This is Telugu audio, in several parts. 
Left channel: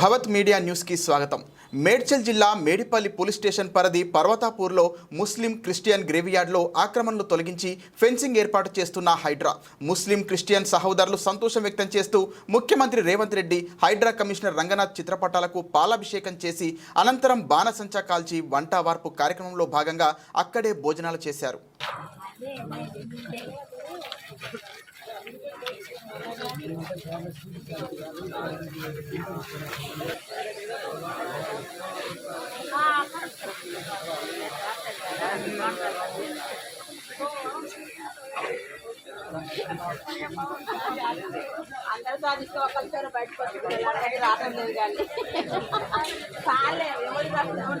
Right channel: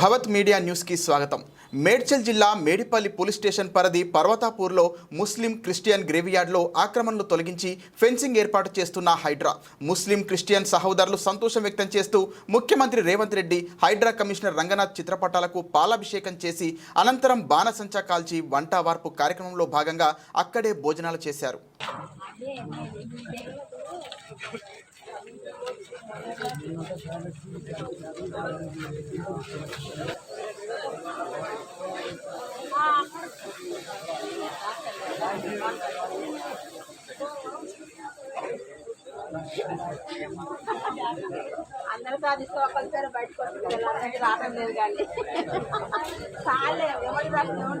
భవత్ మీడియా న్యూస్కి స్వాగతం. మేడ్చల్ జిల్లా మేడిపల్లి పోలీస్ స్టేషన్ పరిధి పర్వతాపూర్లో ముస్లిం క్రిస్టియన్ గ్రేవియార్డ్లో ఆక్రమణలు తొలగించి ఫెన్సింగ్ ఏర్పాటు చేస్తున్న హైడ్రా. ముస్లిం క్రిస్టియన్ సహోదరులు సంతోషం వ్యక్తం చేస్తూ ముఖ్యమంత్రి రేవంత్ రెడ్డి హైడ్రా కమిషనర్ రంగనాథ్ చిత్రపటాలకు పాలాభిషేకం చేసి అనంతరం బాణసంచా కాల్చి వంటావార్పు కార్యక్రమంలో భాగంగా అక్కడే భోజనాలు చేశారు. అందరూ సాధిస్తూ ఒకరి పేరు బయటకు వస్తుంది కదా అందరికీ రావడం లేదు కానీ. చాలే ఎవరు రాదు ఎవరు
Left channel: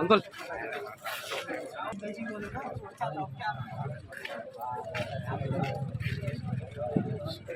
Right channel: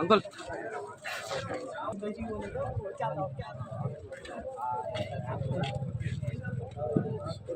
అంకుల్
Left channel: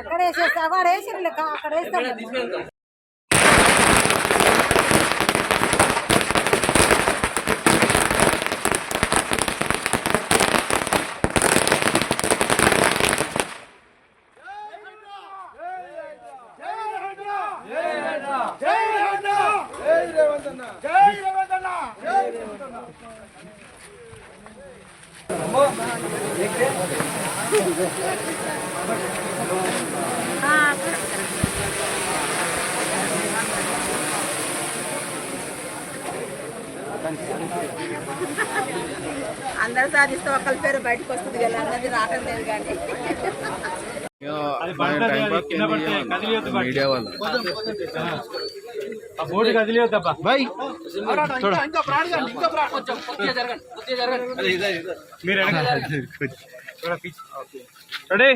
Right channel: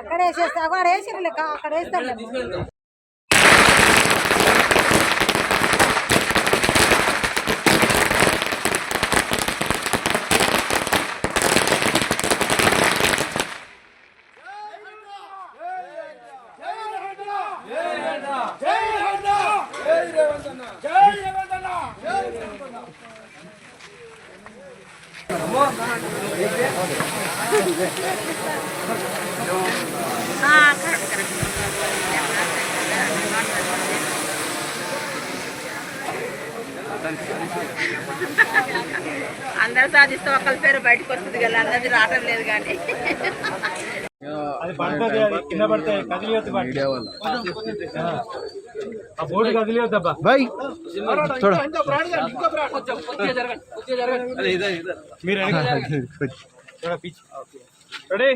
అక్కడ వేసేస్తా అక్కడ వేసిరు అక్కడ వేస్తాను. అందరూ సాధిస్తూ ఒకరి పేరు బయటకు వస్తుంది కదా అందరికీ రావడం లేదు కానీ. అది పడుతుంది బాయ్ రెడీ?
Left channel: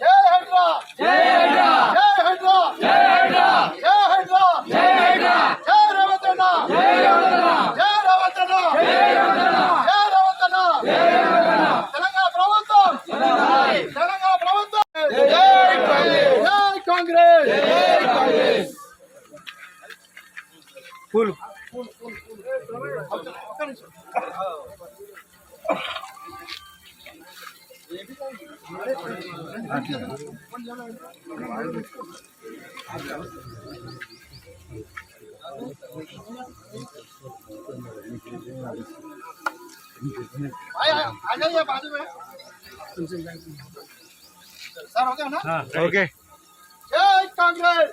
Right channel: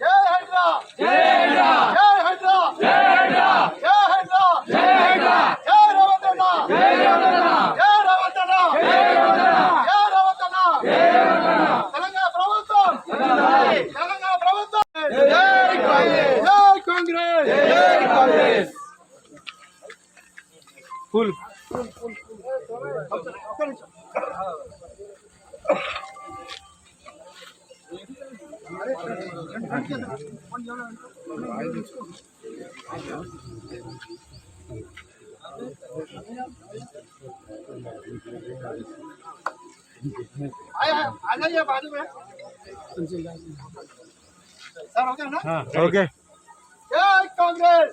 జై హైడ్రా! జై హైడ్రా! జై హైడ్రా! జై హైడ్రా! జై హైడ్రా! फुल। आ जाइए बाजू में। सर हो गया ना? हाँ, ओके కాంగ్రెస్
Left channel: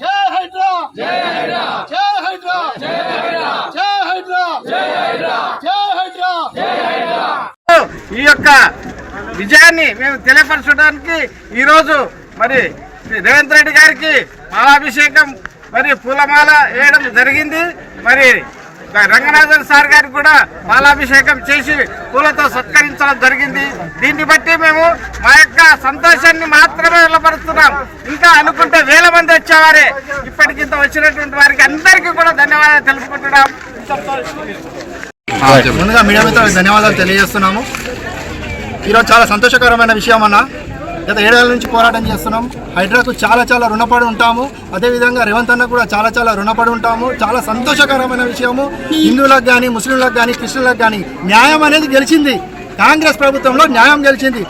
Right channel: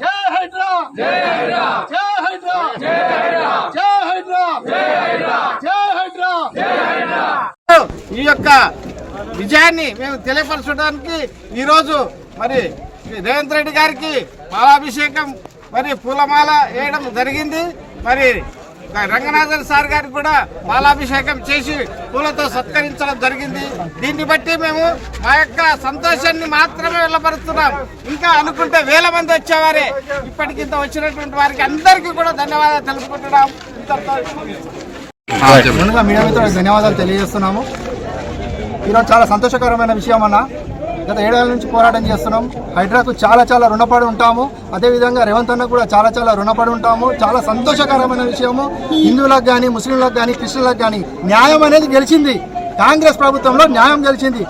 జై జై జై జై జై జై ఈ యొక్క విజయాన్ని మేము తెలియపరచడానికి ఈరోజు మరి రేవంత్ రెడ్డి గారికి మాలాభిషేకం మరి పూలమాల వేయడం జరిగింది. మరి రంగనాథన్ సార్ గారికి కూడా పాలాభిషేకం చేసి పూలతో సత్కరించడం జరిగింది. దీన్ని బట్టి మేము మా యొక్క సంతోషాన్ని మాత్రమే వెళ్ళపరుస్తున్నాం ఇంకా అనుకుంటే వేల మంది వచ్చేవారే. ఇప్పటికింత వచ్చినటువంటి వారికి అందరికీ కూడా ధన్యవాదాలు తెలుపుకుంటున్నాం. ముందుగా మీడియా మిత్రులకు ధన్యవాదాలు తెలియజేస్తున్నాము. ఈరోజు చాలా సంతోషకరమైన విషయం అన్న. గత ఏడాది నుంచి పోరాటం చేస్తున్నాం. హైడ్రాకు చాలా చాలా రుణపడి ఉంటాము. అదేవిధంగా రేవంత్ అన్న కూడా చాలా చాలా రుణపడి ఉంటాము. చాలా సంతోషకరమైన విషయము. హిందువులకు కానీ ముస్లింలకు కానీ క్రిస్టియన్లకు కానీ న్యాయం అనేది గెలిచింది. కాంగ్రెస్ ప్రభుత్వంలో న్యాయం గెలిచింది.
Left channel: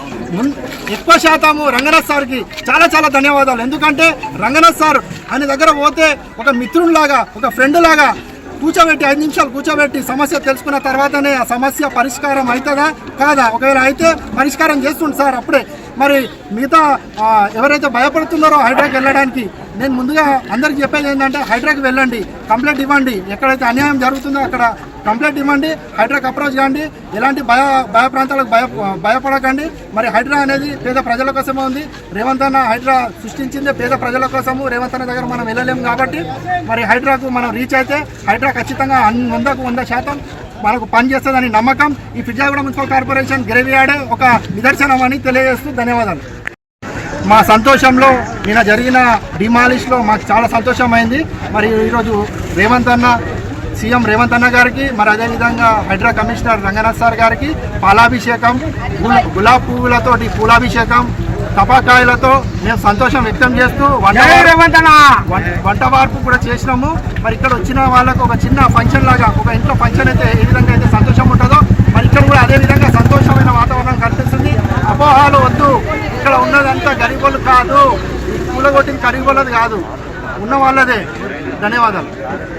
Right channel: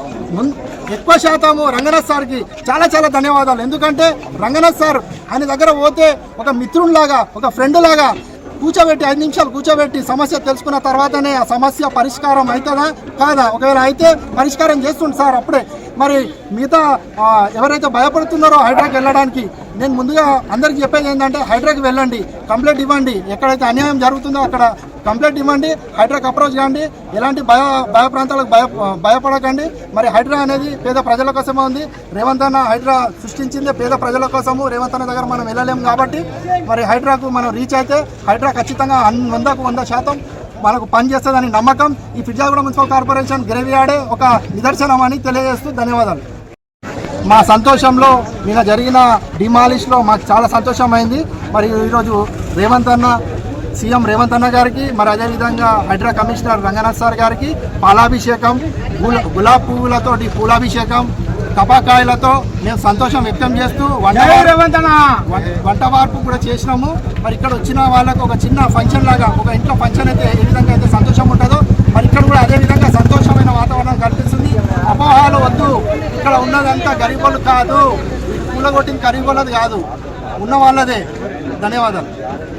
ఎక్కువ శాతము రంగనాథ్ సార్కి చాలా చాలా ధన్యవాదాలు. ఎందుకంటే రంగనాథ్ సార్ ఆయన దగ్గర పోతే ఒక మిత్రునిలాగా ఒక ఫ్రెండ్ లాగా కూర్చోబెట్టి ఐదు నిమిషాలు కూర్చోబెట్టి సమస్య తెలుసుకున్న తర్వాతనే ఆ సమస్య పరిష్కారం అవుతుందా కాదా? ఒకవేళ అయితే పరిష్కారం చేస్తుంది సార్ అప్పుడే. మరి మిగతా ఎవరైతే భయపడుతున్నారో హైడ్రాకి వెళ్ళడానికి నేను ముందుగా అందరికి చెప్పేది ఏంటంటే హైడ్రాకి వెళ్ళండి కంప్లైంట్ ఇవ్వండి. ఎక్కడైతే అన్యాయం జరుగుతుందో అక్కడ కంప్లైంట్ ఇవ్వండి హైడ్రాకి అప్రోచ్ కాండి ఎలాంటి భయ భయ ప్రాంతాలకు భయ భయపడకండి. మరి హైడ్రా అనేది పేద ప్రజల కోసమే ఉంది. రేవంత్ అన్న హైడ్రా సృష్టించింది పేద ప్రజల కోసము. రేవంత్ అన్న దగ్గర మనం వెళ్ళలేము కాబట్టి మరి హైడ్రాకు మనం రీచ్ అయితే హైడ్రా ఖచ్చితంగా వందకు వంద శాతం మనకు పనిచేస్తుందని నమ్మకం. ఈ ఫిర్జాగూడ మున్సిపల్ కార్పొరేషన్ గ్రేవియాడే ఒక నిదర్శనం అని తెలియజేస్తూ ధన్యవాదాలు. మా సంతోషంలో నిన్న జరిగిన డిమాలిష్లో మాకు చాలా సంతోషమైంది. మరి ఈరోజు రేవంత్ అన్న సీఎం రేవంత్ అన్న గారికి మరి అదేవిధంగా హైడ్రా కమిషనర్ రంగనాథ్ సార్ గారికి పాలాభిషేకం గుల గులాబ్ పువ్వులతోటి పూలాభిషేకం టపాకాయలతో మేము సంతోషం వ్యక్తం చేస్తూ వంట వార్పు కూడా చేసినాము. మరి ఇక్కడ వచ్చిన వాళ్ళకు ఒక చిన్న ఫంక్షన్ లాగా ఒక ఇంట్లో ఫంక్షన్ అయితే ఏ ఇక్కడ ఉన్నదంతా గరీబులు కాదు. కూలగొట్టిన గరీబులది కాదు. ఉన్న వాళ్ళదే. ధన్యవాదాలు.